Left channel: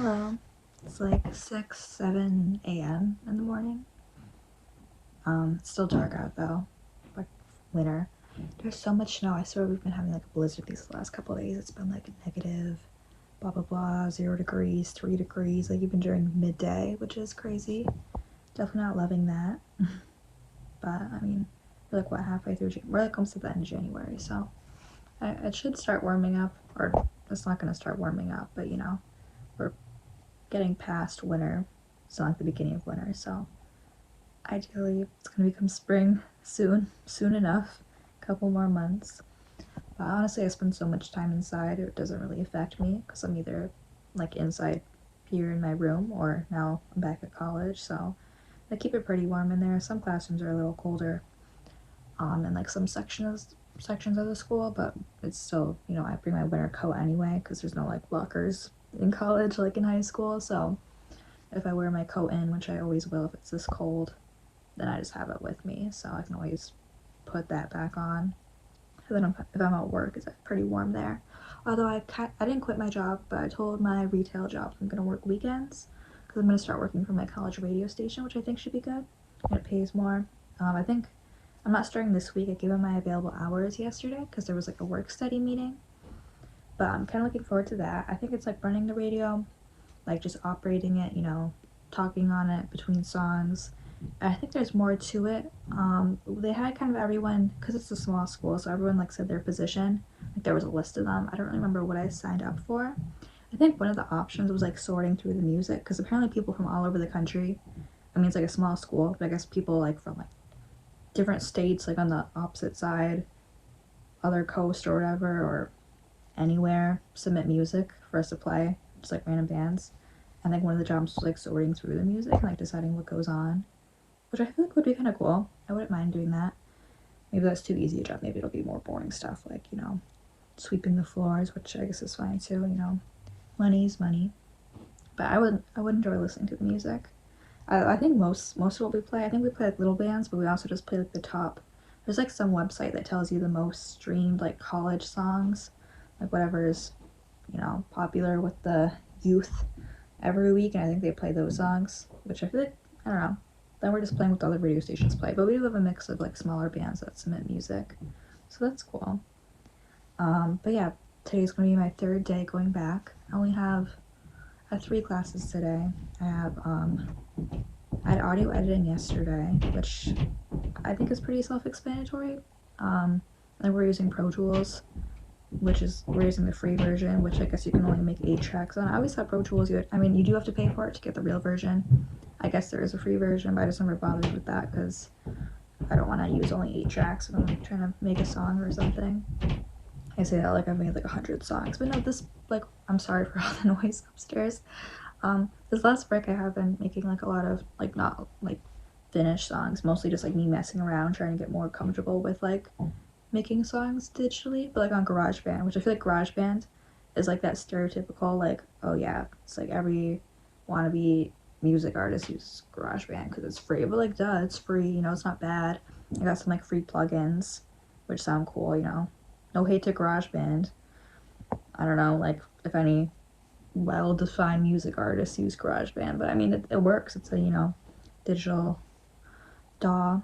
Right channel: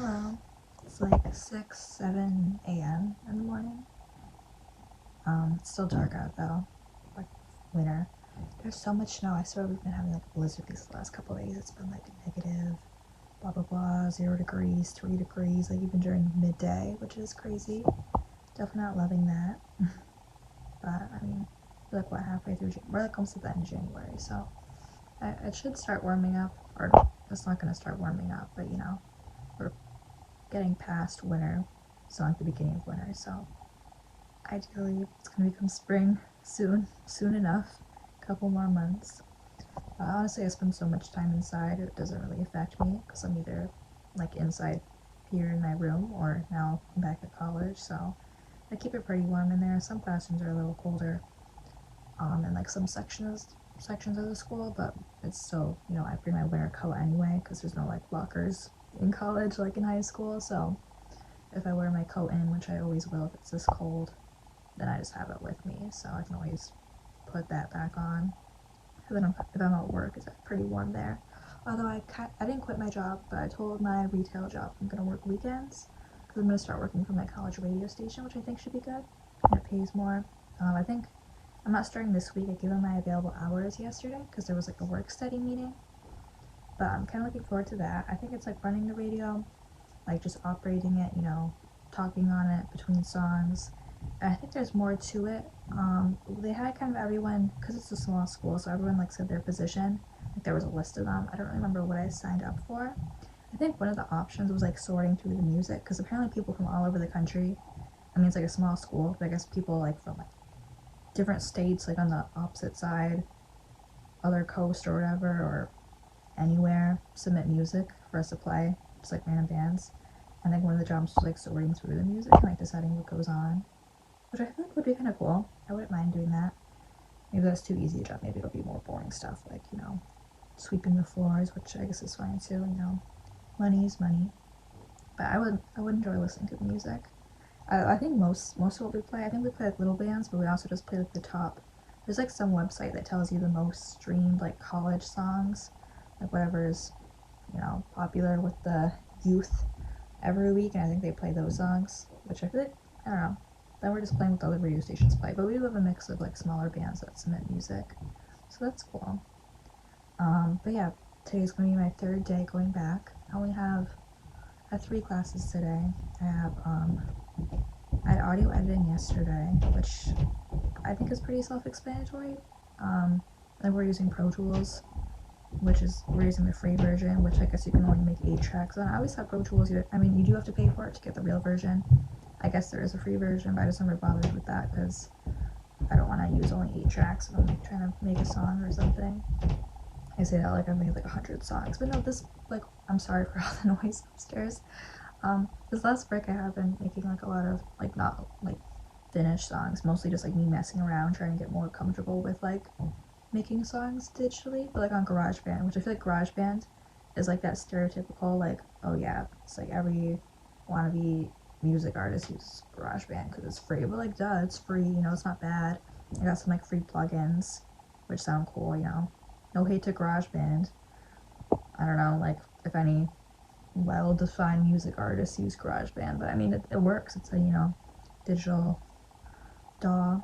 Hello. It's like 6, 7 a.m. in the morning. It's still dark out though, like winter. There's so much snow. I swear we've been having like a blizzard these last couple of days. It's been like negative, blah blah blah, 0 degrees, 3 degrees, like even during midday, which is crazy. Definitely not loving that. But I mean, we're like what, halfway through, we're like almost at the end of January, so it should start warming up, or it's not gonna start warming up, but we're getting past winter, so like the beginning of winter, so ideally it's gonna become spring soon enough, a couple more months. Honestly, I spend so much time inside, it doesn't really affect me because I'm either like inside here in my room or now I'm back at college, so I keep it pretty warm in there. Some classrooms are a little colder, in like some sections of the school, but it's still, I bring my winter coat anyway because there's no like lockers in college like in high school, so if I wear my coat in, which I always will if it's this cold, then I just have it with me, so I can always put that back on. And then if I'm at work, it's pretty warm there. Although I didn't quit my job, but I told my retail job I'm gonna work weekends because I'm gonna start working for my college radio station, which I think should be good, and it pays more. I think I'm not starting this week. I gave them my available hours yesterday because there was like a work study meeting, but I'm kind of looking forward to that. I think it's like running the radio, like just operating it, talking on it between songs. I think there's more to it. They had kind of everyone, because it's a small school, so everyone like said their position. Like there was a list of them. I don't really remember what I signed up for. I think one of the options was like sorting through the music, because apparently people from all over the country. I mean, it's like a small school, but I guess people like from like different states, like on the opposite side, other coast or whatever, or anywhere, submit music for us to play, just like random bands. And like one of the jobs was like sorting through the music and like deciding what goes on, which I feel like would be kind of cool. I wouldn't mind doing that. Maybe that's too easy a job. Maybe it'll be more boring stuff like sweeping the floors, which I guess is fine too. Money's money. But I would enjoy listening to the music. I think most of what we play, I think we play like little bands, but we also just play like the top. There's like some website that tells you the most streamed like college songs, like whatever is popular with the youth every week, and I think they play those songs, which I feel like, I don't know. Then we're just playing what the other radio stations play, but we do have a mix of like smaller bands that submit music, so that's cool. But yeah, today's gonna be my third day going back. I have 3 classes today. I had audio editing yesterday, which I think is pretty self-explanatory. And we're using Pro Tools, we're using the free version, which I guess you can only make 8 tracks on. I always thought Pro Tools, you do have to pay for it to get the real version. I guess there is a free version, but I just never bothered with that because I don't want to use only 8 tracks if I'm like trying to make a song or something. I say that like I've made like 100 songs, but no, I'm sorry for all the noise upstairs. This last break I have been making like a lot of like not like finished songs, mostly just like me messing around trying to get more comfortable with like making songs digitally, but like on GarageBand, which I feel like GarageBand is like that stereotypical like, oh yeah, it's like every wannabe music artist uses GarageBand because it's free, but like duh, it's free, it's not bad. I got some like free plugins which sound cool, no hate to GarageBand. I don't know like if any well-defined music artists use GarageBand, but I mean it works. It's a digital DAW.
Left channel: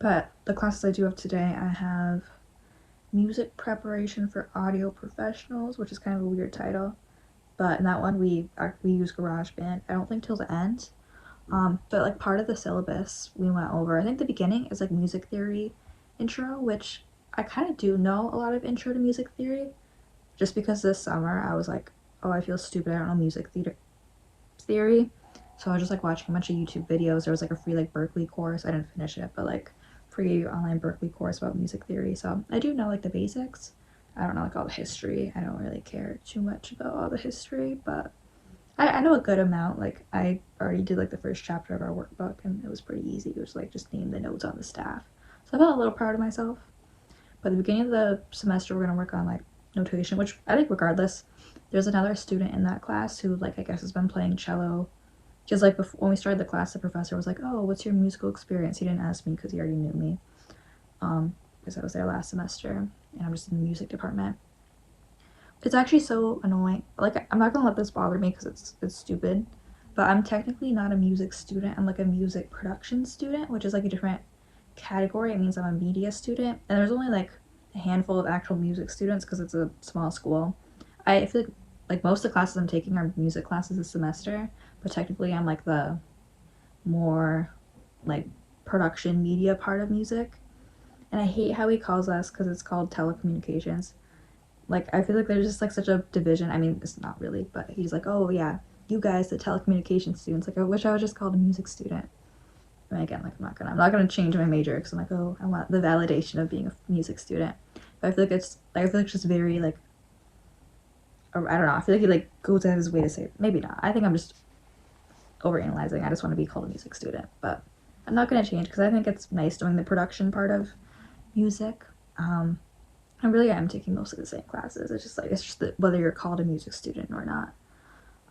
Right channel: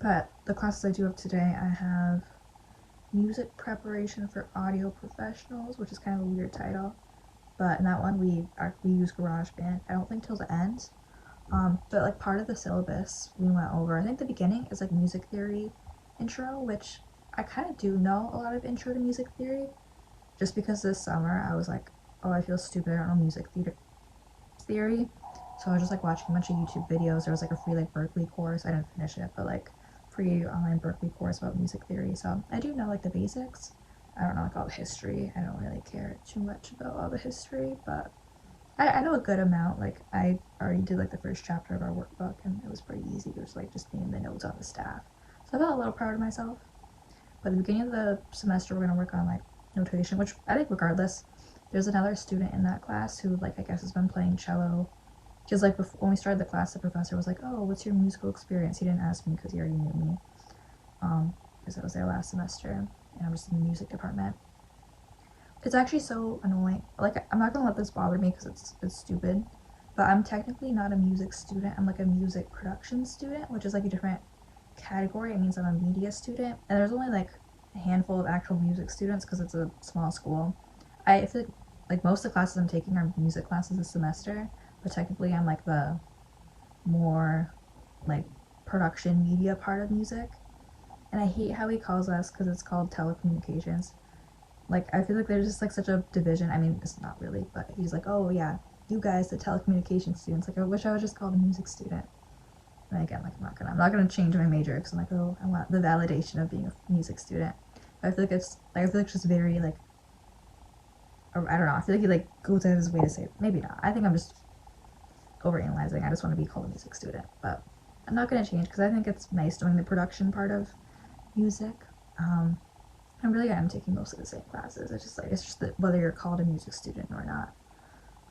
But the classes I do have today, I have music preparation for audio professionals, which is kind of a weird title. But in that one, we use GarageBand. I don't think till the end. But like part of the syllabus we went over, I think the beginning is like music theory intro, which I kind of do know a lot of intro to music theory, just because this summer I was like, oh, I feel stupid, I don't know music theory. So I was just like watching a bunch of YouTube videos. There was like a free like Berkeley course. I didn't finish it, but like free online Berkeley course about music theory. So I do know like the basics. I don't know like all the history. I don't really care too much about all the history, but I know a good amount. Like I already did like the first chapter of our workbook, and it was pretty easy. It was like just name the notes on the staff. So I felt a little proud of myself. But at the beginning of the semester, we're gonna work on like notation, which I think regardless, there's another student in that class who like I guess has been playing cello. Because like when we started the class, the professor was like, "Oh, what's your musical experience?" He didn't ask me because he already knew me, because I was there last semester and I'm just in the music department. It's actually so annoying. Like, I'm not gonna let this bother me because it's stupid, but I'm technically not a music student. I'm like a music production student, which is like a different category. It means I'm a media student, and there's only like a handful of actual music students because it's a small school. I feel like most of the classes I'm taking are music classes this semester, but technically I'm like the more like production media part of music. And I hate how he calls us because it's called telecommunications. Like, I feel like there's just like such a division. I mean, it's not really, but he's like, oh yeah, you guys, the telecommunications students. Like, I wish I was just called a music student. And again, like, I'm not gonna change my major because I'm like, oh, I want the validation of being a music student. But I feel like I feel like it's just very like, I don't know. I feel like he like goes out of his way to say, maybe not. I think I'm just overanalyzing. I just want to be called a music student, but I'm not gonna change because I think it's nice doing the production part of music. I really am taking mostly the same classes. It's just that whether you're called a music student or not.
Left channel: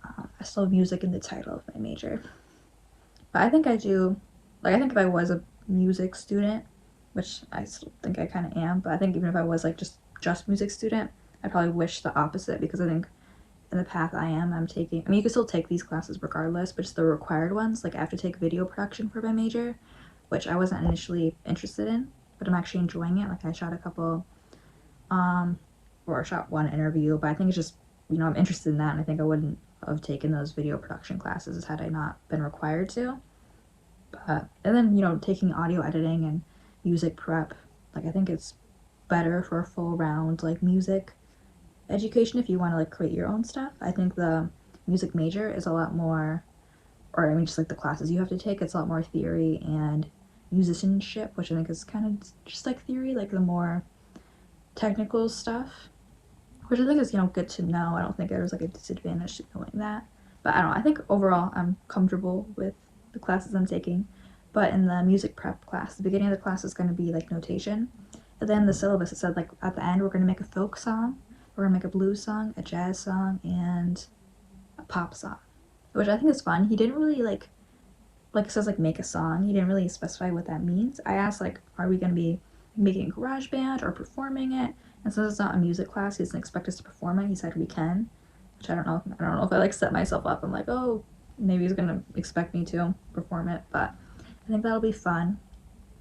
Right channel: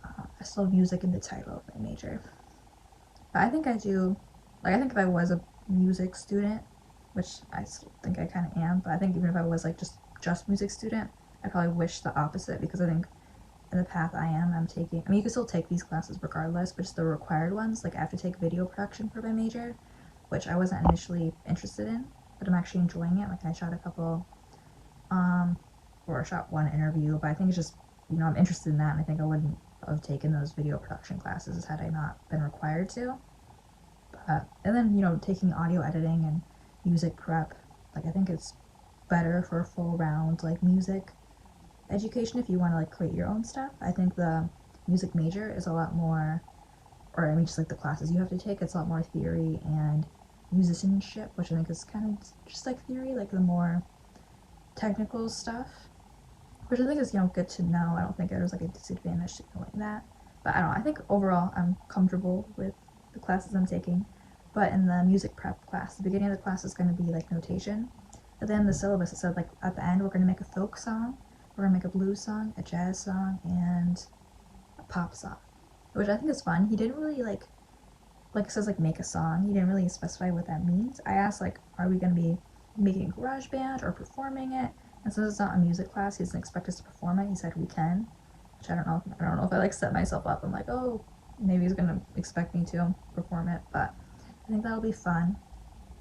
I still have music in the title of my major. But I think I do, like, I think if I was a music student, which I still think I kind of am, but I think even if I was like just music student, I probably wish the opposite because I think in the path I'm taking, I mean, you can still take these classes regardless, but just the required ones. Like, I have to take video production for my major, which I wasn't initially interested in, but I'm actually enjoying it. Like, I shot a couple or I shot one interview, but I think it's just, I'm interested in that, and I think I wouldn't have taken those video production classes had I not been required to. But, and then, taking audio editing and music prep, like, I think it's better for a full round, like, music education if you want to, like, create your own stuff. I think the music major is a lot more, or I mean, just like the classes you have to take, it's a lot more theory and musicianship, which I think is kind of just like theory, like the more technical stuff, which I think is, good to know. I don't think there's like a disadvantage to knowing that. But I don't know. I think overall I'm comfortable with the classes I'm taking. But in the music prep class, the beginning of the class is going to be like notation. And then the syllabus, it said like at the end we're going to make a folk song, we're going to make a blues song, a jazz song, and a pop song, which I think is fun. He didn't really like it says like make a song. He didn't really specify what that means. I asked like, are we going to be making a garage band or performing it? And since it's not a music class, he doesn't expect us to perform it. He said we can, which I don't know. I don't know if I like set myself up. I'm like, oh, maybe he's gonna expect me to perform it, but I think that'll be fun.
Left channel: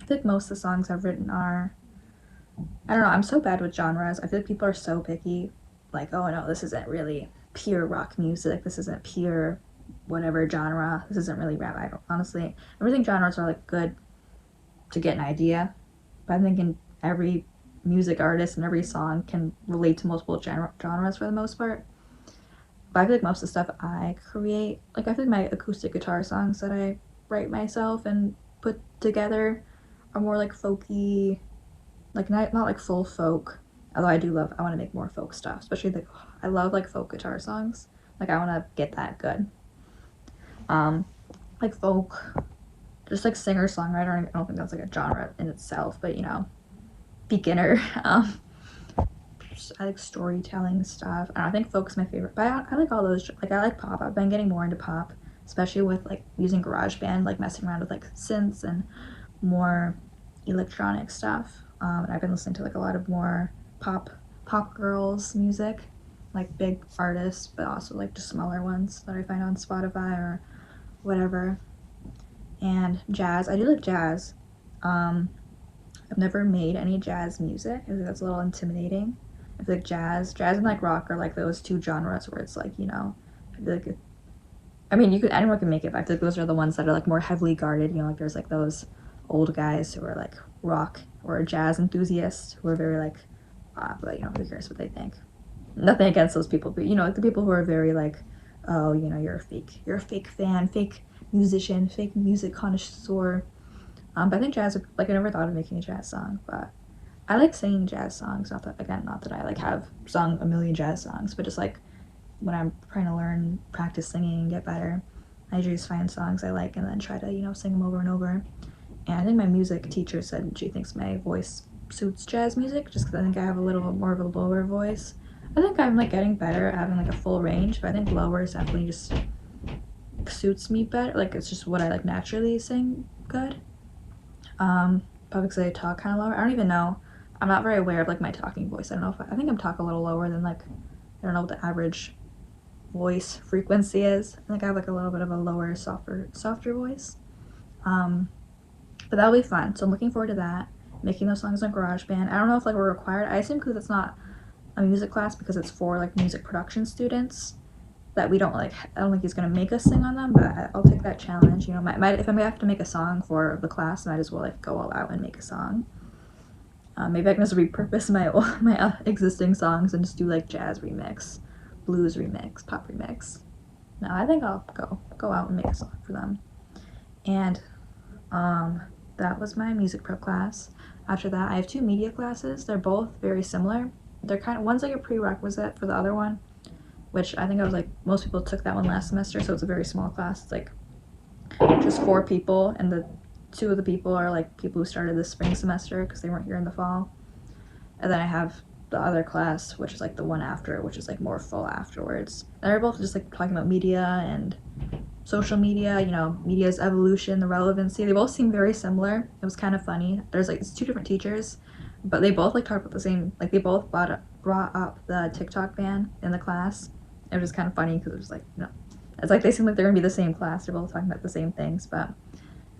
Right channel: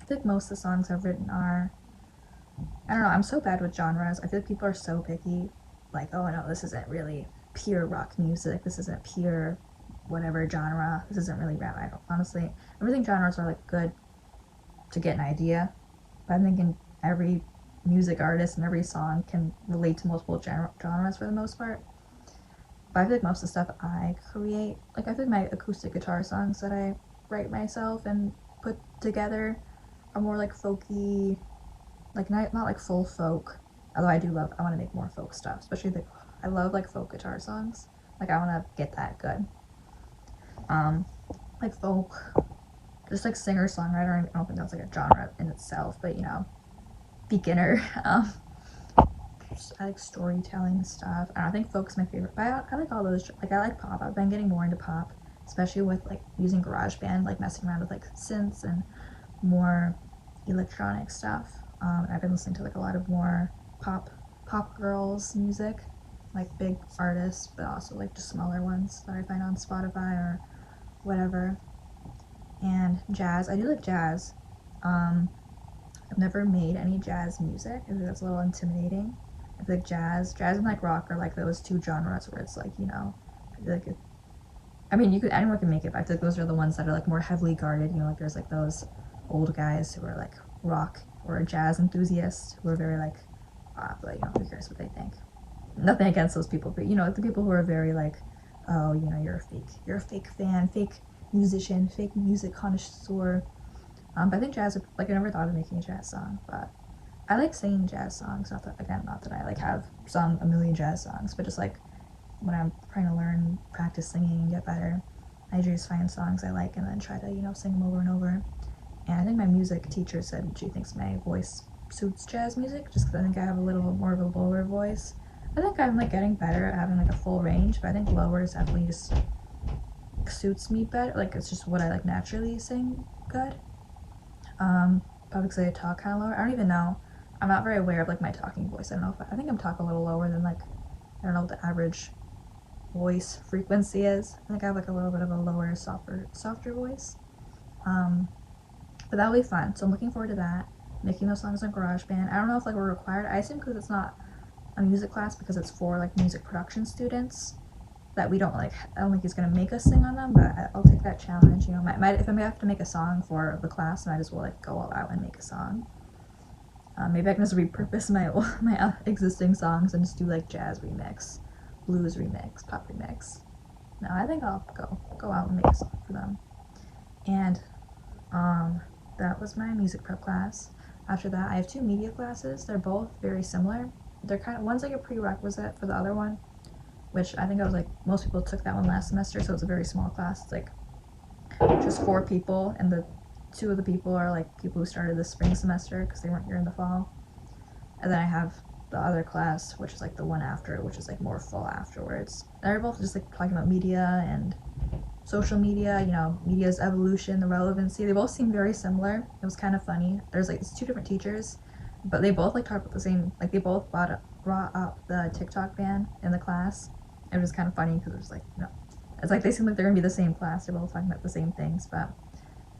I think most of the songs I've written are, I don't know. I'm so bad with genres. I feel like people are so picky. Like, oh no, this isn't really pure rock music. This isn't pure whatever genre. This isn't really rap. I don't honestly. I think genres are like good to get an idea, but I'm thinking every music artist and every song can relate to multiple genres for the most part. But I feel like most of the stuff I create, like I feel like my acoustic guitar songs that I write myself and put together are more like folky, like not like full folk. Although I want to make more folk stuff, especially I love like folk guitar songs. Like I want to get that good. Like folk, just like singer songwriter. I don't think that's like a genre in itself, but beginner. I like storytelling stuff. I think folk's my favorite, but I like all those. Like I like pop. I've been getting more into pop, especially with like using GarageBand, like messing around with like synths and more electronic stuff. And I've been listening to like a lot of more pop girls music, like big artists, but also like just smaller ones that I find on Spotify or whatever. And jazz. I do like jazz. I've never made any jazz music. I think that's a little intimidating. I feel like jazz and like rock are like those two genres where it's like, I feel like anyone can make it, but I feel like those are the ones that are like more heavily guarded. Like there's like those old guys who are like rock or jazz enthusiasts who are very like, but who cares what they think? Nothing against those people, but the people who are very like, oh, you're a fake fan, fake musician, fake music connoisseur. But I think jazz, like I never thought of making a jazz song, but I like singing jazz songs. Not that I like have sung a million jazz songs, but just like when I'm trying to learn, practice singing and get better, I just find songs I like and then try to, sing them over and over. And I think my music teacher said she thinks my voice suits jazz music just because I think I have a little bit more of a lower voice. I think I'm like getting better at having like a full range, but I think lower is definitely just suits me better. Like it's just what I like naturally sing good. Probably because I talk kind of lower. I don't even know. I'm not very aware of like my talking voice. I don't know if I think I'm talking a little lower than like I don't know what the average voice frequency is. I think I have like a little bit of a lower, softer voice. But that'll be fun. So I'm looking forward to that. Making those songs on GarageBand. I don't know if like we're required. I assume because it's not a music class, because it's for like music production students, that we don't like. I don't think he's gonna make us sing on them, but I'll take that challenge. You know, if I have to make a song for the class, I might as well like go all out and make a song. Maybe I can just repurpose my existing songs and just do like jazz remix, blues remix, pop remix. No, I think I'll go out and make a song for them. And that was my music prep class. After that, I have 2 media classes. They're both very similar. They're kind of, one's like a prerequisite for the other one, which I think I was like, most people took that one last semester, so it's a very small class. It's like just 4 people, and the 2 of the people are like people who started this spring semester because they weren't here in the fall. And then I have the other class, which is like the one after, which is like more full afterwards. And they're both just like talking about media and social media, you know, media's evolution, the relevancy. They both seem very similar. It was kind of funny. There's like, it's 2 different teachers, but they both like talk about the same, like they both brought up the TikTok ban in the class. It was kind of funny because it was like, you know, it's like they seem like they're gonna be the same class. They're both talking about the same things, but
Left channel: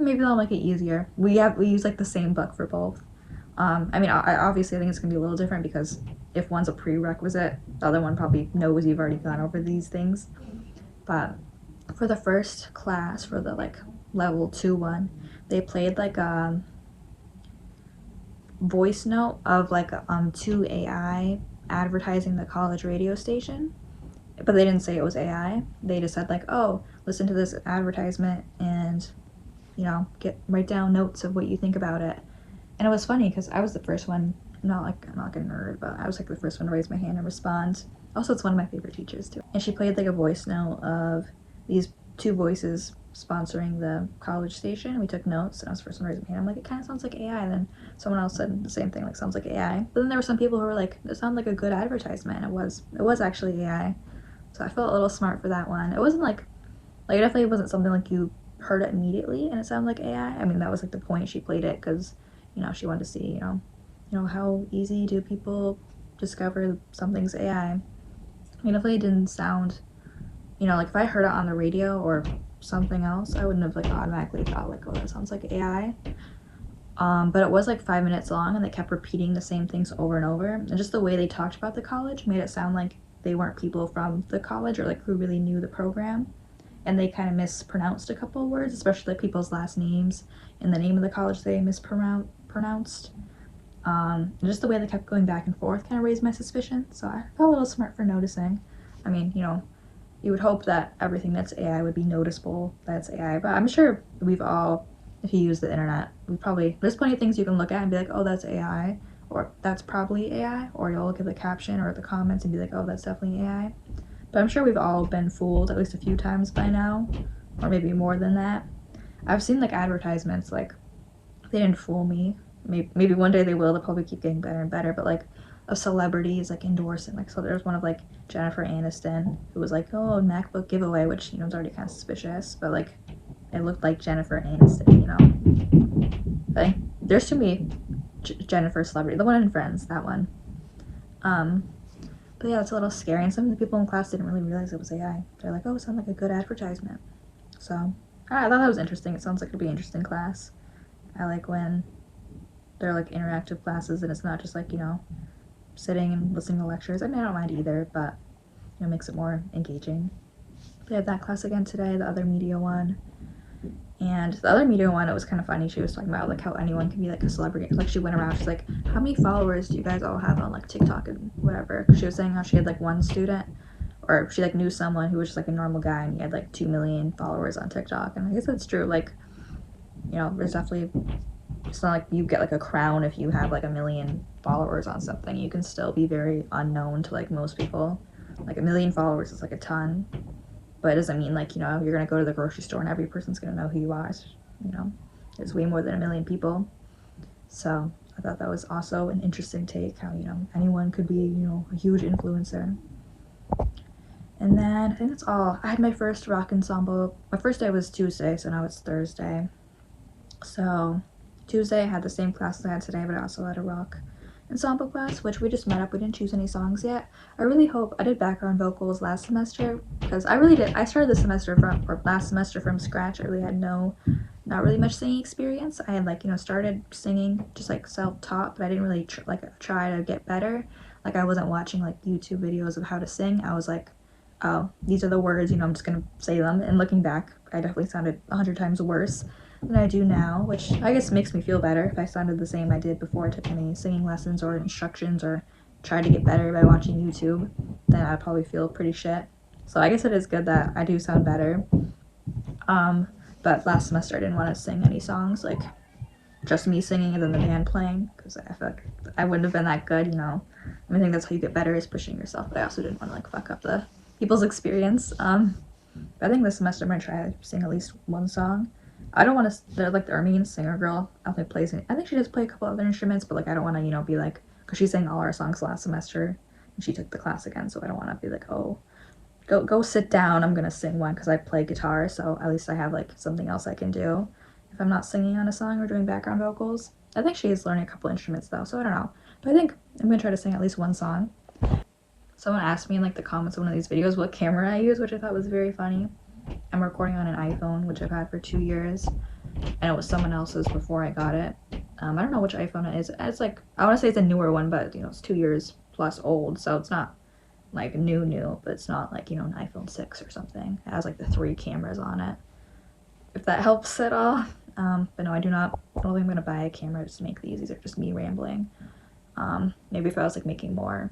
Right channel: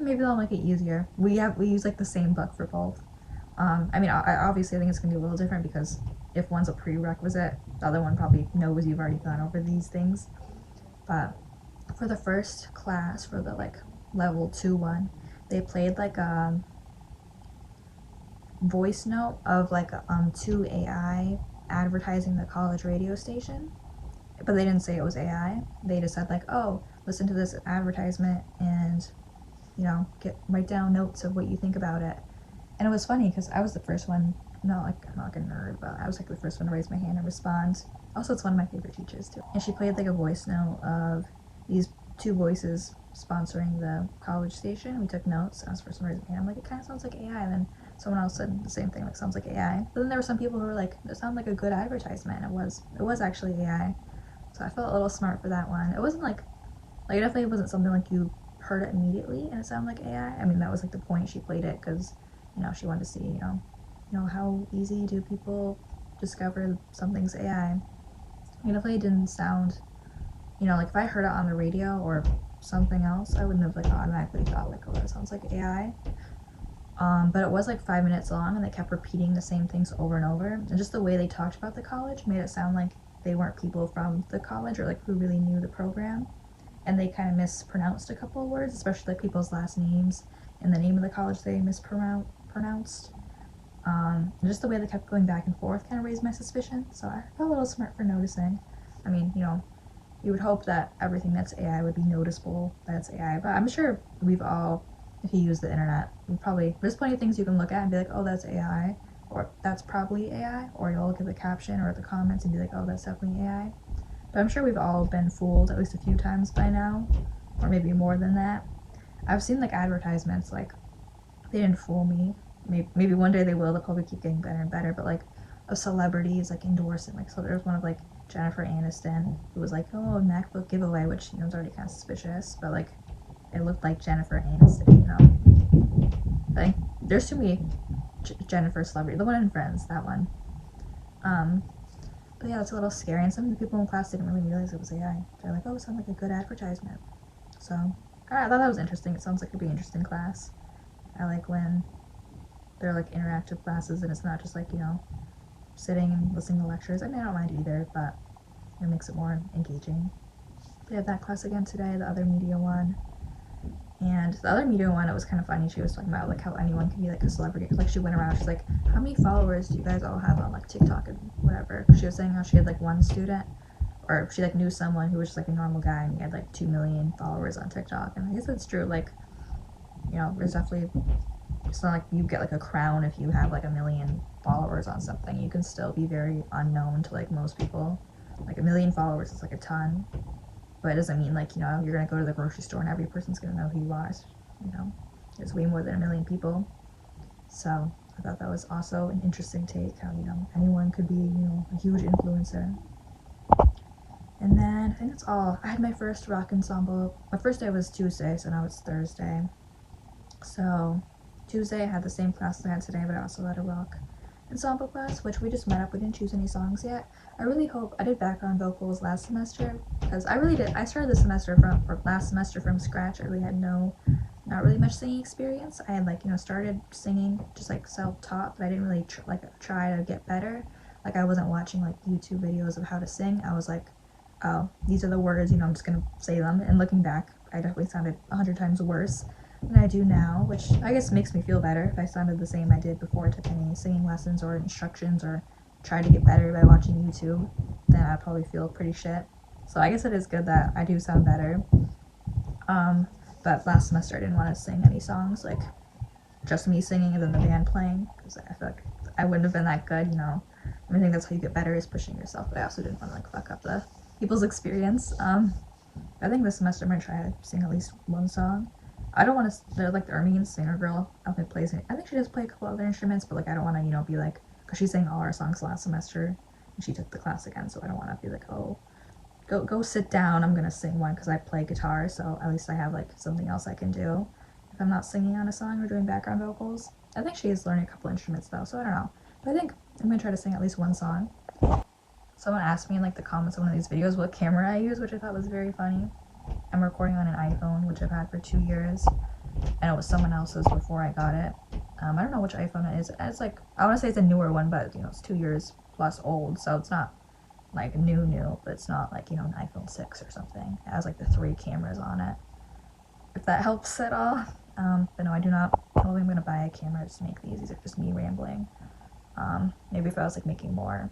maybe they'll make it easier. We use like the same book for both. I mean, I obviously think it's gonna be a little different because if one's a prerequisite, the other one probably knows you've already gone over these things. But for the first class, for the like level 2 one, they played like a voice note of like 2 AI advertising the college radio station, but they didn't say it was AI. They just said like, oh, listen to this advertisement and, you know, write down notes of what you think about it. And it was funny because I was the first one, I'm not like a nerd, but I was like the first one to raise my hand and respond. Also, it's one of my favorite teachers too. And she played like a voice note of these 2 voices sponsoring the college station. We took notes, and I was the first one to raise my hand. I'm like, it kind of sounds like AI. And then someone else said the same thing, like, sounds like AI. But then there were some people who were like, it sounded like a good advertisement. And it was actually AI. So I felt a little smart for that one. It wasn't like it definitely wasn't something like you heard it immediately and it sounded like AI. I mean, that was like the point. She played it because, you know, she wanted to see, you know, how easy do people discover something's AI. It definitely didn't sound, you know, like if I heard it on the radio or something else, I wouldn't have like automatically thought like, oh, that sounds like AI. But it was like 5 minutes long, and they kept repeating the same things over and over. And just the way they talked about the college made it sound like they weren't people from the college or like who really knew the program. And they kind of mispronounced a couple of words, especially like people's last names and the name of the college they mispronounced. Just the way they kept going back and forth kind of raised my suspicion. So I felt a little smart for noticing. I mean, you know, you would hope that everything that's AI would be noticeable that's AI, but I'm sure we've all, if you use the internet, there's plenty of things you can look at and be like, oh, that's AI, or that's probably AI, or you'll look at the caption or the comments and be like, oh, that's definitely AI. But I'm sure we've all been fooled at least a few times by now, or maybe more than that. I've seen like advertisements, like they didn't fool me. Maybe one day they will. They'll probably keep getting better and better, but like of celebrities like endorsing, like, so there's one of like Jennifer Aniston who was like, oh, MacBook giveaway, which, you know, is already kind of suspicious, but like it looked like Jennifer Aniston, you know. I think there's too many Jennifer celebrity. The one in Friends, that one. But yeah, it's a little scary, and some of the people in class didn't really realize it was AI. They're like, oh, it sounds like a good advertisement. So I thought that was interesting. It sounds like it'd be an interesting class. I like when they're like interactive classes and it's not just like, you know, sitting and listening to lectures. I mean, I don't mind either, but it makes it more engaging. We had that class again today, the other media one. And the other media one, it was kind of funny. She was talking about like how anyone can be like a celebrity. Like she went around, she's like, how many followers do you guys all have on like TikTok and whatever? She was saying how she had like one student, or she like knew someone who was just like a normal guy and he had like 2 million followers on TikTok. And I guess that's true. Like, you know, there's definitely, it's not like you get like a crown if you have like 1 million followers on something. You can still be very unknown to like most people. Like 1 million followers is like a ton, but it doesn't mean like, you know, you're gonna go to the grocery store and every person's gonna know who you are. You know, there's way more than 1 million people. So I thought that was also an interesting take, how, you know, anyone could be, you know, a huge influencer. And then I think that's all. I had my first rock ensemble. My first day was Tuesday, so now it's Thursday. So Tuesday I had the same class as I had today, but I also had a rock ensemble class, which we just met up. We didn't choose any songs yet. I really hope I did background vocals last semester because I really did. I started last semester from scratch. I really had not really much singing experience. I had like, you know, started singing just like self-taught, but I didn't really try to get better. Like I wasn't watching like YouTube videos of how to sing. I was like, oh, these are the words, you know, I'm just gonna say them. And looking back, I definitely sounded 100 times worse than I do now, which I guess makes me feel better. If I sounded the same I did before I took any singing lessons or instructions or tried to get better by watching YouTube, then I'd probably feel pretty shit. So I guess it is good that I do sound better. But last semester I didn't want to sing any songs, like just me singing and then the band playing, because I feel like I wouldn't have been that good, you know. I think that's how you get better, is pushing yourself, but I also didn't want to like fuck up the people's experience. But I think this semester I'm gonna try to sing at least one song. I don't want to. They're like the Armenian singer girl. I don't think plays. I think she does play a couple other instruments, but like I don't want to, you know, be like, because she sang all our songs last semester, and she took the class again, so I don't want to be like, oh, go sit down. I'm gonna sing one because I play guitar, so at least I have like something else I can do if I'm not singing on a song or doing background vocals. I think she is learning a couple instruments though, so I don't know. But I think I'm gonna try to sing at least one song. Someone asked me in like the comments of one of these videos what camera I use, which I thought was very funny. I'm recording on an iPhone, which I've had for 2 years, and it was someone else's before I got it. I don't know which iPhone it is. It's like, I want to say it's a newer one, but you know, it's 2 years plus old, so it's not like new, but it's not like, you know, an iPhone 6 or something. It has like the 3 cameras on it, if that helps at all. But no, I don't think I'm gonna buy a camera just to make these. These are just me rambling. Maybe if I was like making more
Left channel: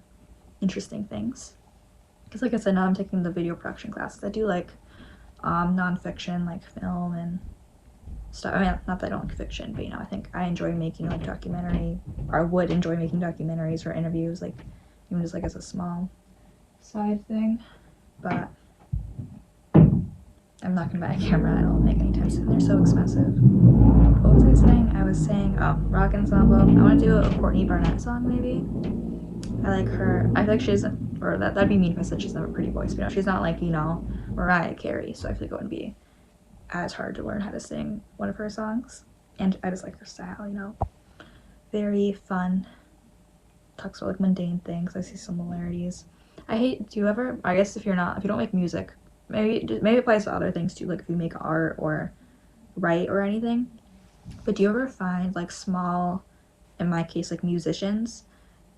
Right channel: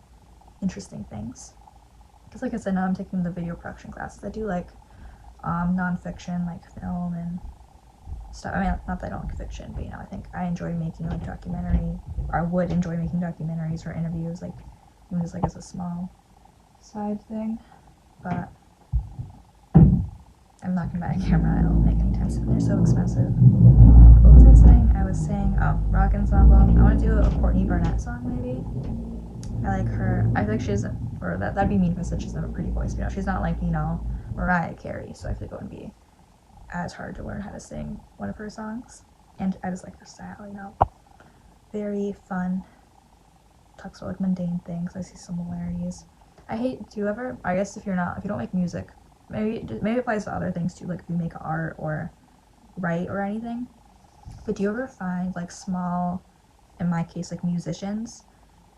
interesting things, because like I said, now I'm taking the video production classes. I do like non-fiction, like film and stuff. I mean, not that I don't like fiction, but you know, I think I enjoy making like I would enjoy making documentaries or interviews, like even just like as a small side thing. But I'm not gonna buy a camera. I don't think anytime soon. They're so expensive. What was I saying? I was saying, oh, rock ensemble. I want to do a Courtney Barnett song maybe. I like her. I feel like she's, or that'd be mean if I said she's not a pretty voice, but you know, she's not like, you know, Mariah Carey, so I feel like it wouldn't be as hard to learn how to sing one of her songs. And I just like her style, you know, very fun, talks about like mundane things. I see similarities. I guess if you don't make music, maybe it applies to other things too, like if you make art or write or anything, but do you ever find like small, in my case, like musicians,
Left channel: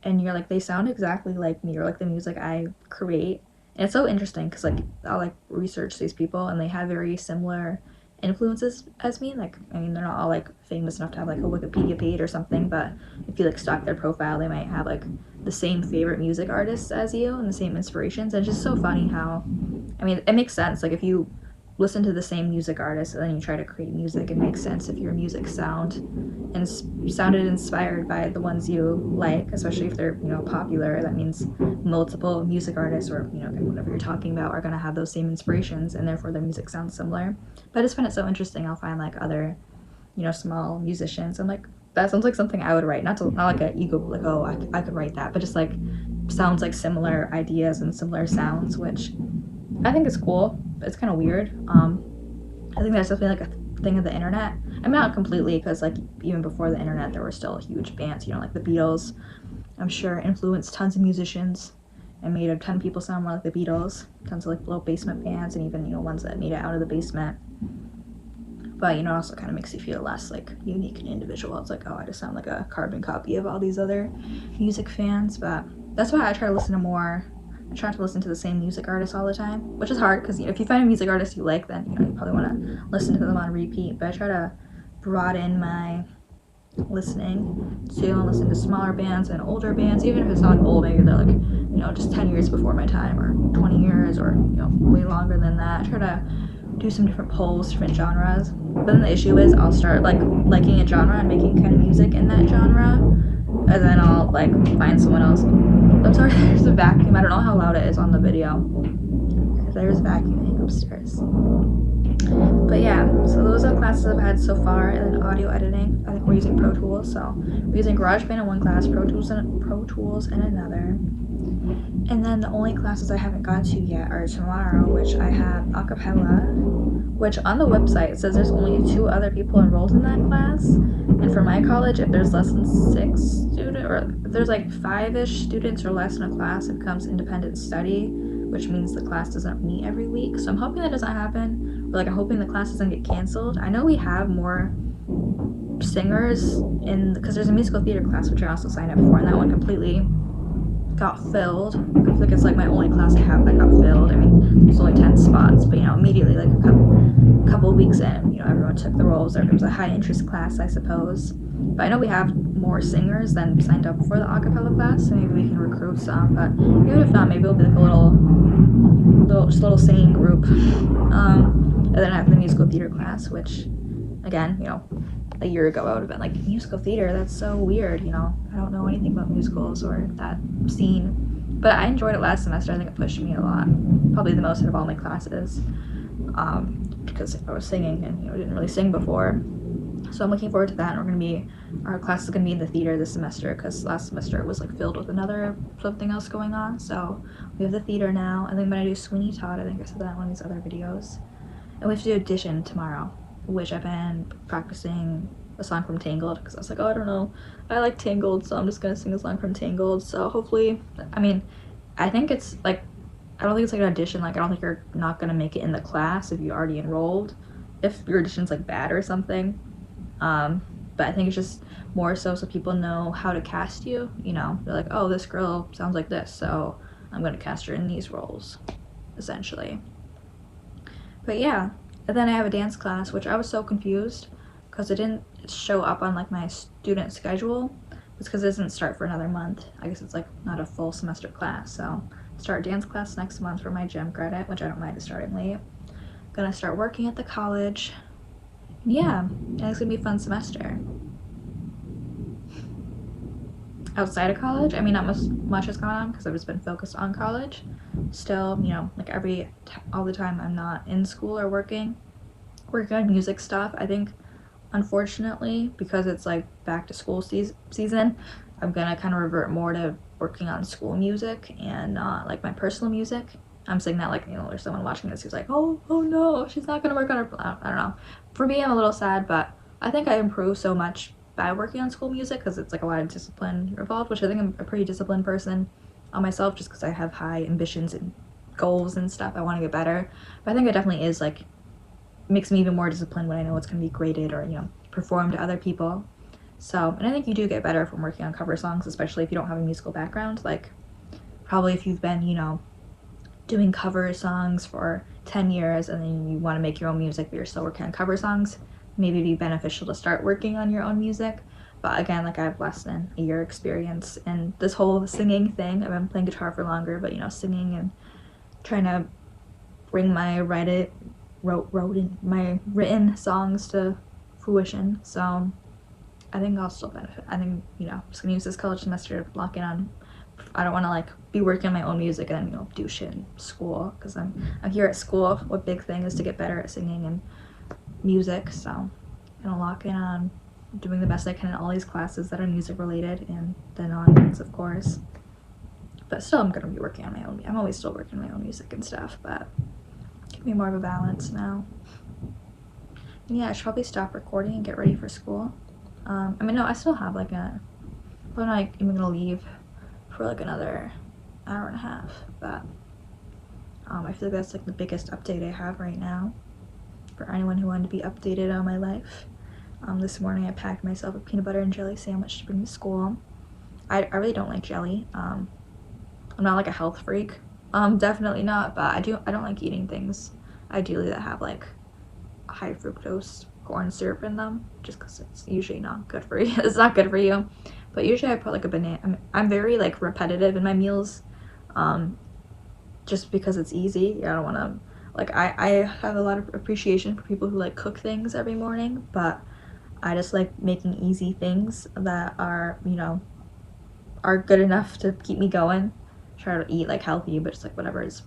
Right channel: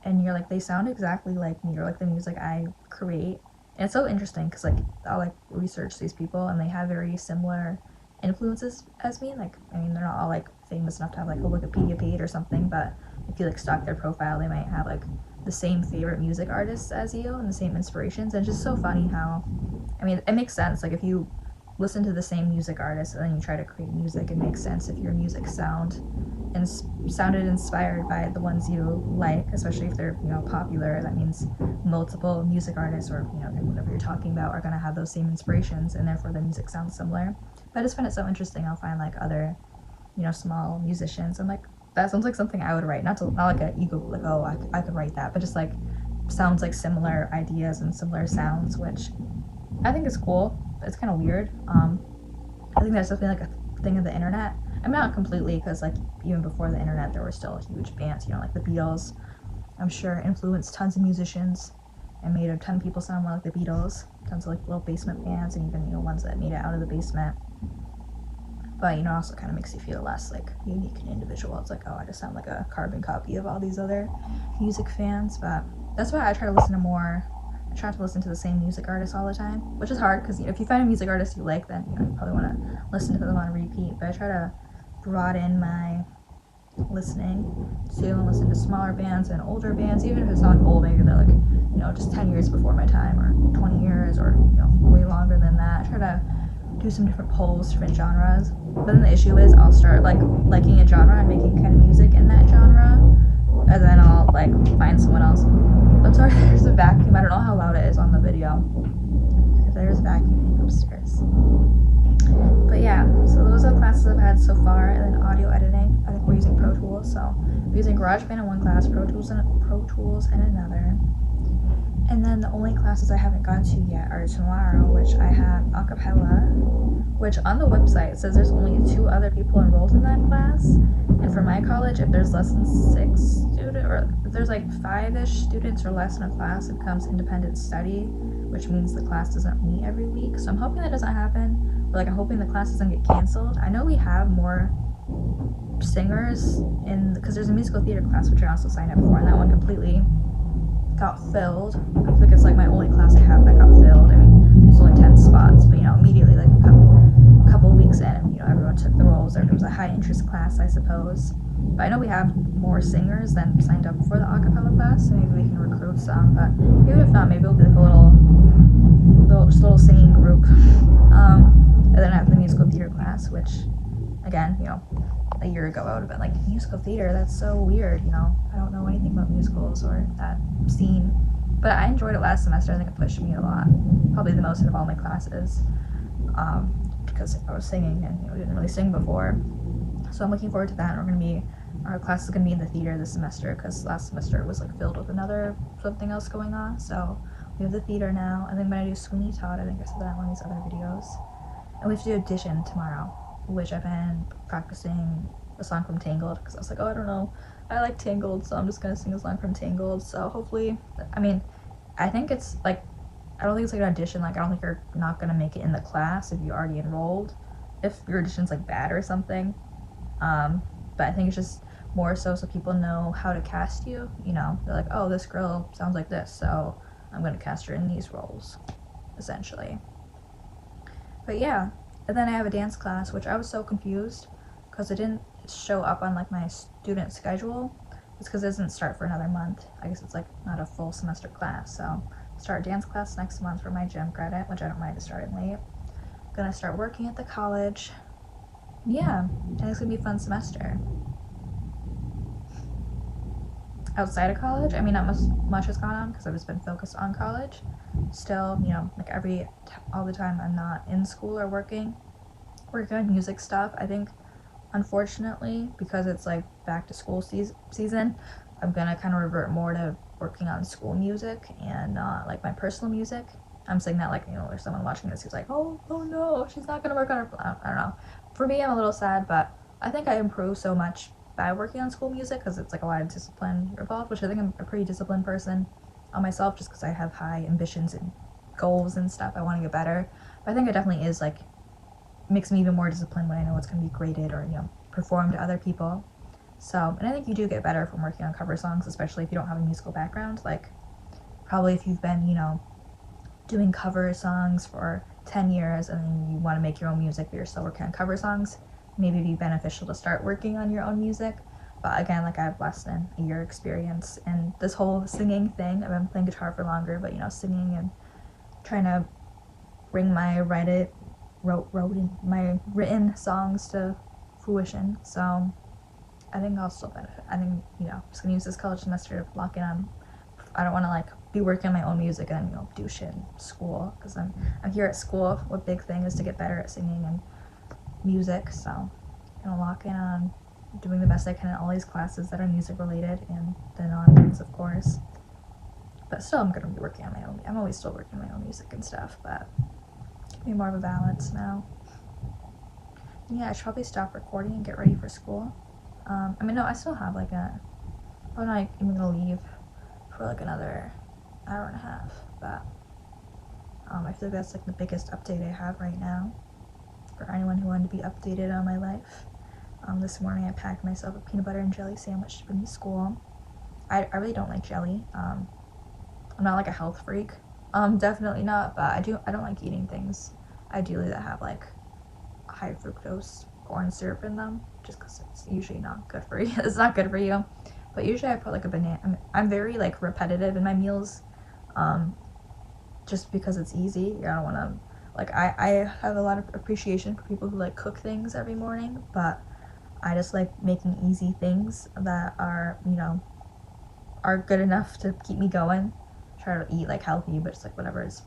and you're like, they sound exactly like me, or like the music I create? And it's so interesting because like I'll like research these people and they have very similar influences as me. Like, I mean, they're not all like famous enough to have like a Wikipedia page or something, but if you like stalk their profile, they might have like the same favorite music artists as you and the same inspirations. And it's just so funny how, I mean, it makes sense. Like if you listen to the same music artist and then you try to create music, it makes sense if your music sounded inspired by the ones you like, especially if they're, you know, popular. That means multiple music artists, or you know, whatever you're talking about, are going to have those same inspirations, and therefore their music sounds similar. But I just find it so interesting. I'll find like other, you know, small musicians. I'm like, that sounds like something I would write. Not like an ego, like, oh, I could write that, but just like sounds like similar ideas and similar sounds, which I think is cool. It's kind of weird. I think that's definitely like a thing of the internet. I mean, not completely, because like even before the internet there were still huge bands, you know, like the Beatles, I'm sure influenced tons of musicians and made a ton of people sound more like the Beatles. Tons of like low basement bands, and even, you know, ones that made it out of the basement. But you know, it also kind of makes you feel less like unique and individual. It's like, oh, I just sound like a carbon copy of all these other music fans. But that's why I try to listen to more. I try to listen to the same music artists all the time, which is hard because, you know, if you find a music artist you like, then, you know, you probably want to listen to them on repeat. But I try to broaden my listening to listen to smaller bands and older bands, even if it's not old. Maybe they're like, you know, just 10 years before my time, or 20 years, or, you know, way longer than that. I try to do some different polls, different genres. But then the issue is I'll start like liking a genre and making kind of music in that genre, and then I'll like find someone else. I'm sorry, there's a vacuum. I don't know how loud it is on the video. There's vacuuming upstairs. But yeah, so those are classes I've had so far, and then audio editing. I think we're using Pro Tools, so we're using GarageBand in one class, Pro Tools in another. And then the only classes I haven't gone to yet are tomorrow, which I have a cappella, which on the website it says there's only 2 other people enrolled in that class. And for my college, if there's less than 6 students, or if there's like 5-ish students or less in a class, it becomes independent study, which means the class doesn't meet every week. So I'm hoping that doesn't happen. Or like I'm hoping the class doesn't get canceled. I know we have more singers because there's a musical theater class which I also signed up for, and that one completely got filled. I feel like it's like my only class I have that got filled. I mean, there's only 10 spots, but immediately like a couple of weeks in, everyone took the roles. It was a high interest class, I suppose. But I know we have more singers than signed up for the a cappella class, so maybe we can recruit some. But even if not, maybe it'll be like a little singing group. And then I have the musical theater class, which, again, a year ago I would have been like, musical theater, that's so weird, I don't know anything about musicals or that scene. But I enjoyed it last semester. I think it pushed me a lot, probably the most out of all my classes, because I was singing and didn't really sing before. So I'm looking forward to that. And our class is going to be in the theater this semester, because last semester it was like filled with something else going on. So we have the theater now. I think I'm going to do Sweeney Todd. I think I said that in one of these other videos. And we have to do audition tomorrow, which I've been practicing a song from Tangled, because I was like, oh, I don't know, I like Tangled, so I'm just gonna sing a song from Tangled. So hopefully, I think it's like, I don't think it's like an audition, like I don't think you're not gonna make it in the class if you already enrolled, if your audition's like bad or something. But I think it's just more so people know how to cast you. They're like, oh, this girl sounds like this, so I'm gonna cast her in these roles, essentially. But yeah. And then I have a dance class, which I was so confused because it didn't show up on like my student schedule. It's because it doesn't start for another month. I guess it's like not a full semester class. So start dance class next month for my gym credit, which I don't mind starting late. Gonna start working at the college. Yeah, and it's gonna be a fun semester. Outside of college, not much has gone on because I've just been focused on college. Still, like all the time I'm not in school or working on music stuff. I think, unfortunately, because it's like back to school season, I'm gonna kind of revert more to working on school music and not like my personal music. I'm saying that like, there's someone watching this who's like, oh no, she's not gonna work on her, I don't know. For me, I'm a little sad, but I think I improved so much by working on school music because it's like a lot of discipline involved, which I think I'm a pretty disciplined person on myself just because I have high ambitions and goals and stuff. I want to get better, but I think it definitely is like makes me even more disciplined when I know it's going to be graded or performed to other people. So, and I think you do get better from working on cover songs, especially if you don't have a musical background. Like probably if you've been doing cover songs for 10 years and then you want to make your own music but you're still working on cover songs, maybe it'd be beneficial to start working on your own music. But again, like I have less than a year experience in this whole singing thing. I've been playing guitar for longer, but singing and trying to bring my written songs to fruition. So I think I'll still benefit. I think just gonna use this college semester to lock in on. I don't want to like be working on my own music and then do shit in school, because I'm here at school. What big thing is to get better at singing and music. So I'm gonna lock in on doing the best I can in all these classes that are music related and the non-ones, of course. But still, I'm gonna be working on my own. I'm always still working on my own music and stuff, but give me more of a balance now. And yeah, I should probably stop recording and get ready for school. No, I still have like I'm not even gonna leave for like another hour and a half, but I feel like that's like the biggest update I have right now for anyone who wanted to be updated on my life. This morning I packed myself a peanut butter and jelly sandwich to bring to school. I really don't like jelly. I'm not like a health freak. Definitely not, but I don't like eating things ideally that have like high fructose corn syrup in them, just because it's usually not good for you. It's not good for you. But usually I put like a banana. I'm very like repetitive in my meals, just because it's easy. I don't want to like I have a lot of appreciation for people who like cook things every morning, but I just like making easy things that are are good enough to keep me going. Try to eat like healthy, but just like whatever is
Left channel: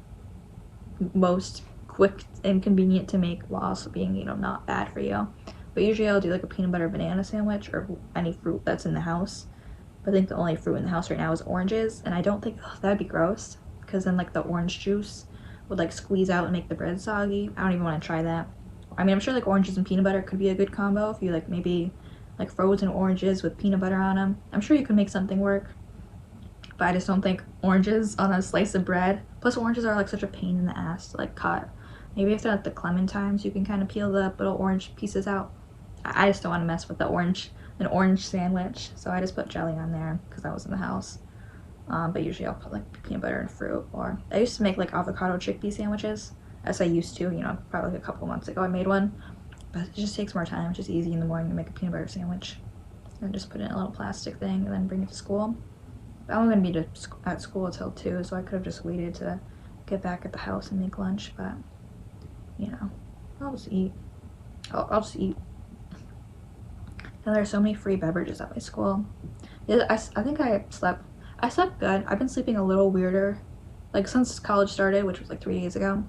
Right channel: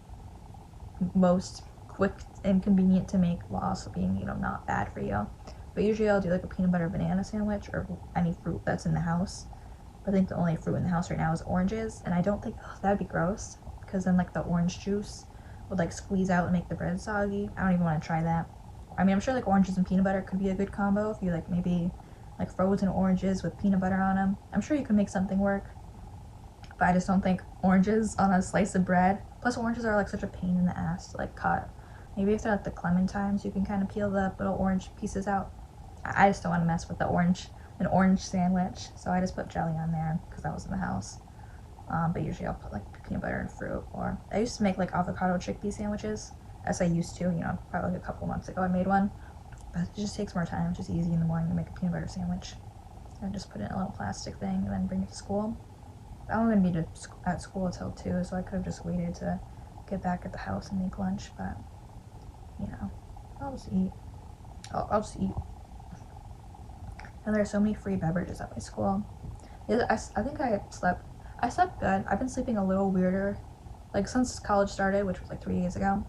most quick and convenient to make while also being not bad for you. But usually I'll do like a peanut butter banana sandwich or any fruit that's in the house. But I think the only fruit in the house right now is oranges, and I don't think that'd be gross. because then like the orange juice would like squeeze out and make the bread soggy. I don't even want to try that. I mean, I'm sure like oranges and peanut butter could be a good combo if you like maybe like frozen oranges with peanut butter on them. I'm sure you could make something work, but I just don't think oranges on a slice of bread. Plus oranges are like such a pain in the ass to like cut. Maybe if they're not the clementines, you can kind of peel the little orange pieces out. I just don't want to mess with an orange sandwich, so I just put jelly on there because I was in the house. But usually I'll put like peanut butter and fruit, or I used to make like avocado chickpea sandwiches, as I used to, probably like a couple months ago I made one, but it just takes more time. It's just easy in the morning to make a peanut butter sandwich and just put it in a little plastic thing and then bring it to school. I'm going to be at school until 2, so I could have just waited to get back at the house and make lunch, but I'll just eat. I'll just eat. And there are so many free beverages at my school. Yeah, I think I slept good. I've been sleeping a little weirder, like since college started, which was like 3 days ago.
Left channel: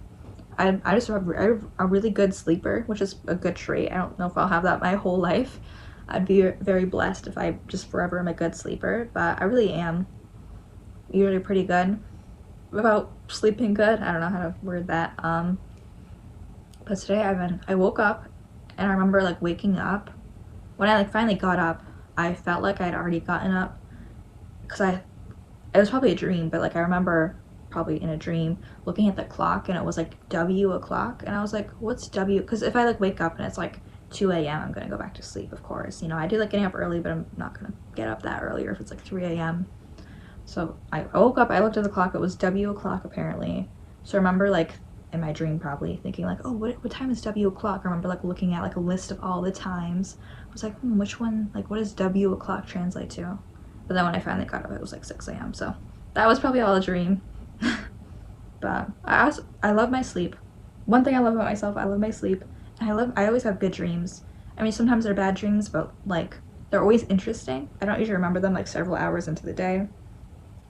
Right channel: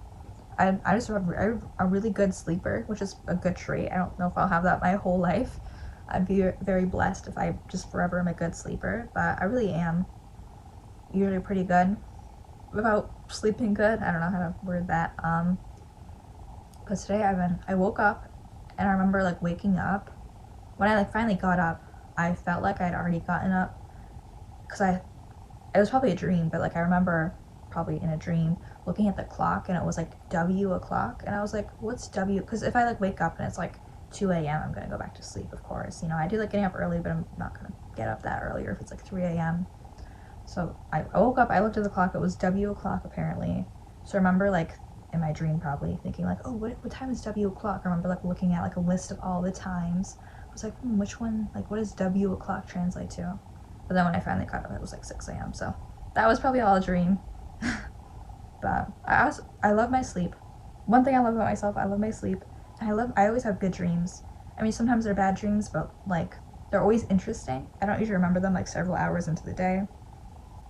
I'm a really good sleeper, which is a good trait. I don't know if I'll have that my whole life. I'd be very blessed if I just forever am a good sleeper, but I really am usually pretty good about sleeping good. I don't know how to word that. But today I woke up, and I remember like waking up. When I like finally got up, I felt like I'd already gotten up, because it was probably a dream, but like I remember probably in a dream looking at the clock and it was like W o'clock, and I was like, what's W? Because if I like wake up and it's like 2 a.m. I'm gonna go back to sleep, of course. I do like getting up early, but I'm not gonna get up that earlier if it's like 3 a.m. So I woke up, I looked at the clock, it was W o'clock apparently. So I remember like in my dream probably thinking like, oh, what time is W o'clock? I remember like looking at like a list of all the times. I was like, which one, like what does W o'clock translate to? But then when I finally got up, it was like 6 a.m. So that was probably all a dream. But I love my sleep. One thing I love about myself, I love my sleep. And I always have good dreams. I mean, sometimes they're bad dreams, but like they're always interesting. I don't usually remember them like several hours into the day,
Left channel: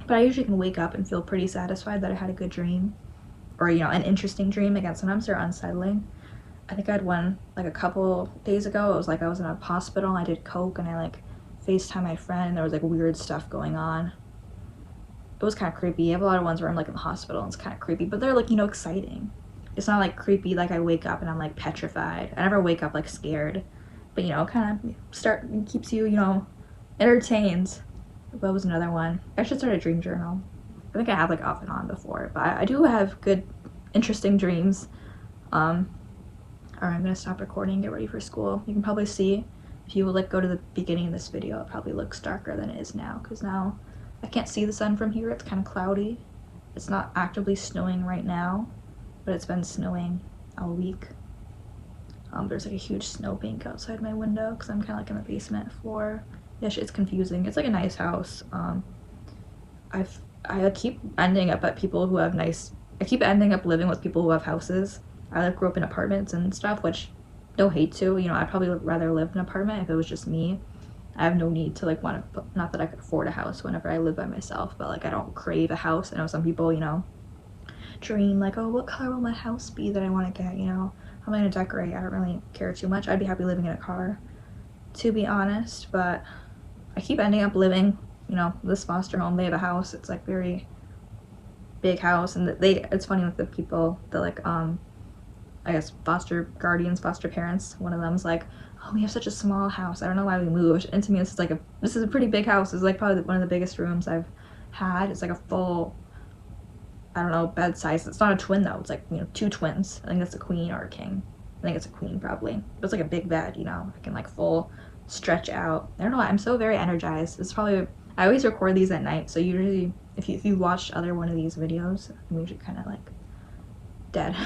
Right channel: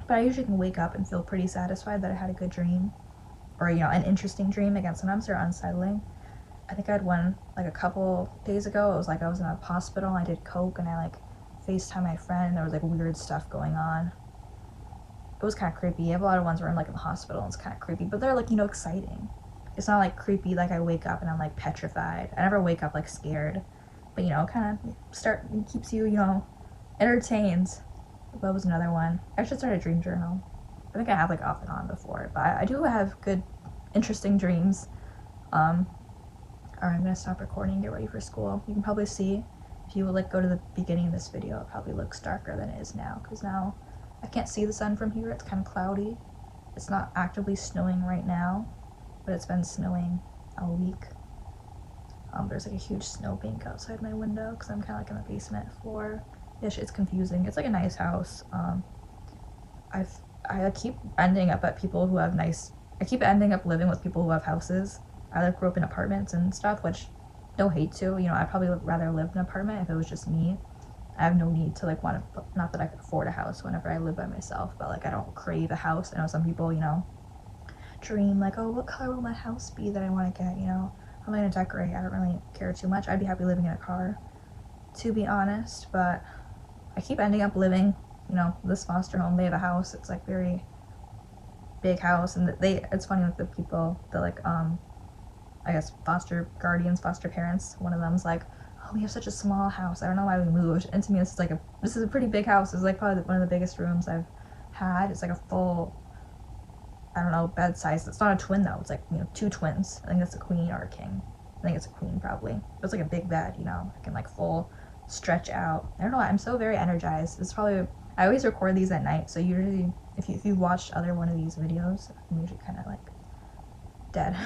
but I usually can wake up and feel pretty satisfied that I had a good dream, or an interesting dream. Again, sometimes they're unsettling. I think I had one like a couple days ago. It was like I was in a hospital and I did coke, and I like FaceTime my friend, and there was like weird stuff going on. It was kind of creepy. I have a lot of ones where I'm like in the hospital and it's kind of creepy, but they're like exciting. It's not like creepy like I wake up and I'm like petrified. I never wake up like scared, but kind of keeps you entertained. What was another one? I should start a dream journal. I think I have like off and on before, but I do have good interesting dreams. Alright, I'm gonna stop recording and get ready for school. You can probably see, if you would like go to the beginning of this video, it probably looks darker than it is now, because now I can't see the sun from here. It's kind of cloudy. It's not actively snowing right now, but it's been snowing all week. There's like a huge snow bank outside my window because I'm kind of like in the basement floor. Yeah, it's confusing. It's like a nice house. I keep ending up at people who have I keep ending up living with people who have houses. I like grew up in apartments and stuff, which no hate to. I'd probably rather live in an apartment if it was just me. I have no need to like want to, not that I could afford a house whenever I live by myself, but like I don't crave a house. I know some people, dream like, oh, what color will my house be that I want to get, how am I going to decorate? I don't really care too much. I'd be happy living in a car, to be honest, but I keep ending up living, this foster home. They have a house. It's like very big house, and it's funny with the people that like, I guess foster guardians, foster parents, one of them's like, oh, we have such a small house, I don't know why we moved. And to me, this is a pretty big house. It's like probably one of the biggest rooms I've had. It's like a full, I don't know, bed size. It's not a twin though. It's like 2 twins. I think it's a queen or a king. I think it's a queen probably. But it's like a big bed. I can like full stretch out. I don't know. I'm so very energized. It's probably, I always record these at night. So usually, if you watched other one of these videos, I'm usually kind of like dead.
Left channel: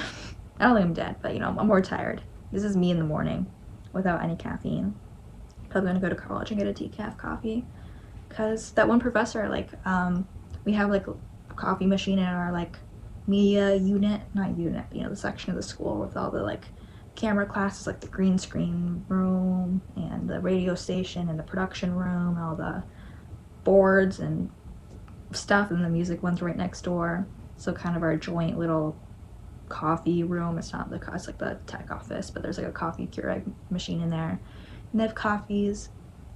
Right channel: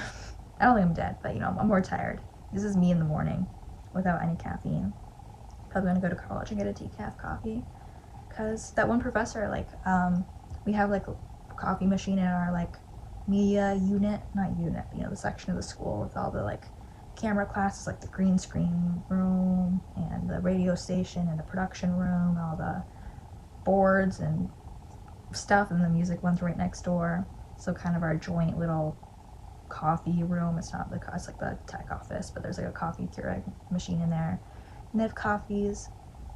I don't think I'm dead, but I'm more tired. This is me in the morning without any caffeine. Probably gonna go to college and get a decaf coffee, because that one professor, like, we have like a coffee machine in our like media unit, not unit, the section of the school with all the like camera classes, like the green screen room and the radio station and the production room, all the boards and stuff, and the music one's right next door. So kind of our joint little coffee room. It's like the tech office, but there's like a coffee Keurig machine in there, and they have coffees.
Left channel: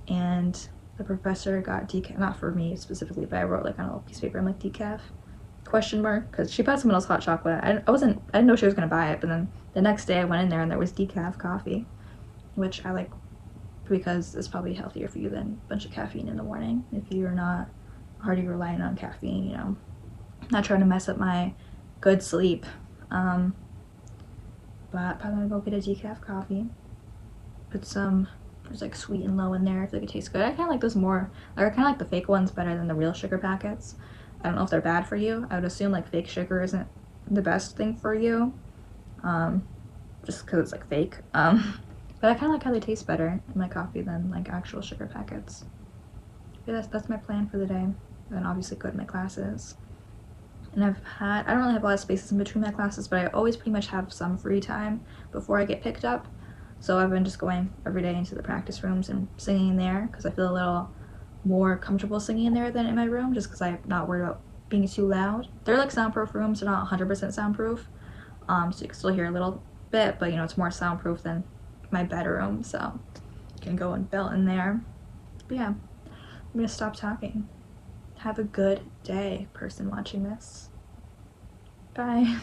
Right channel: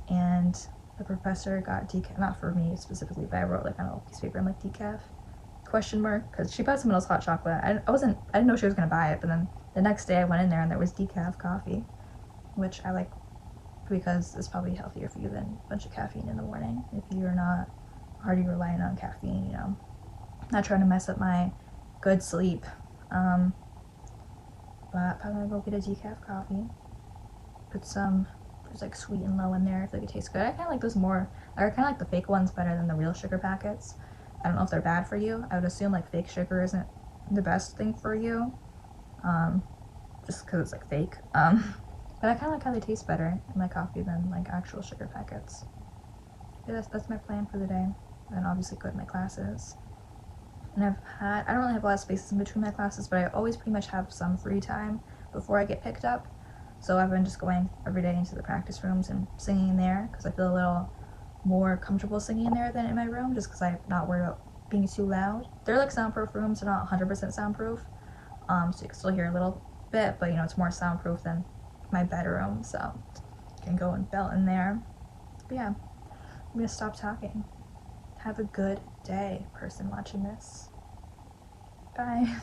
And the professor got decaf, not for me specifically, but I wrote like on a little piece of paper, I'm like, decaf, question mark, because she bought someone else hot chocolate. I didn't know she was gonna buy it, but then the next day I went in there and there was decaf coffee, which I like because it's probably healthier for you than a bunch of caffeine in the morning if you're not already relying on caffeine, you know. Not trying to mess up my good sleep. But probably gonna go get a decaf coffee. Put some, there's like sweet and low in there. I feel like it tastes good. I kind of like those more, like I kind of like the fake ones better than the real sugar packets. I don't know if they're bad for you. I would assume like fake sugar isn't the best thing for you, just because it's like fake. But I kind of like how they taste better in my coffee than like actual sugar packets. Yeah, that's my plan for the day. And then obviously go to my classes. And I don't really have a lot of spaces in between my classes, but I always pretty much have some free time before I get picked up. So I've been just going every day into the practice rooms and singing in there because I feel a little more comfortable singing in there than in my room, just because I'm not worried about being too loud. They're like soundproof rooms, they're not 100% soundproof, so you can still hear a little bit, but you know, it's more soundproof than my bedroom, so you can go and belt in there. But yeah, I'm gonna stop talking. Have a good day, person watching this. Bye.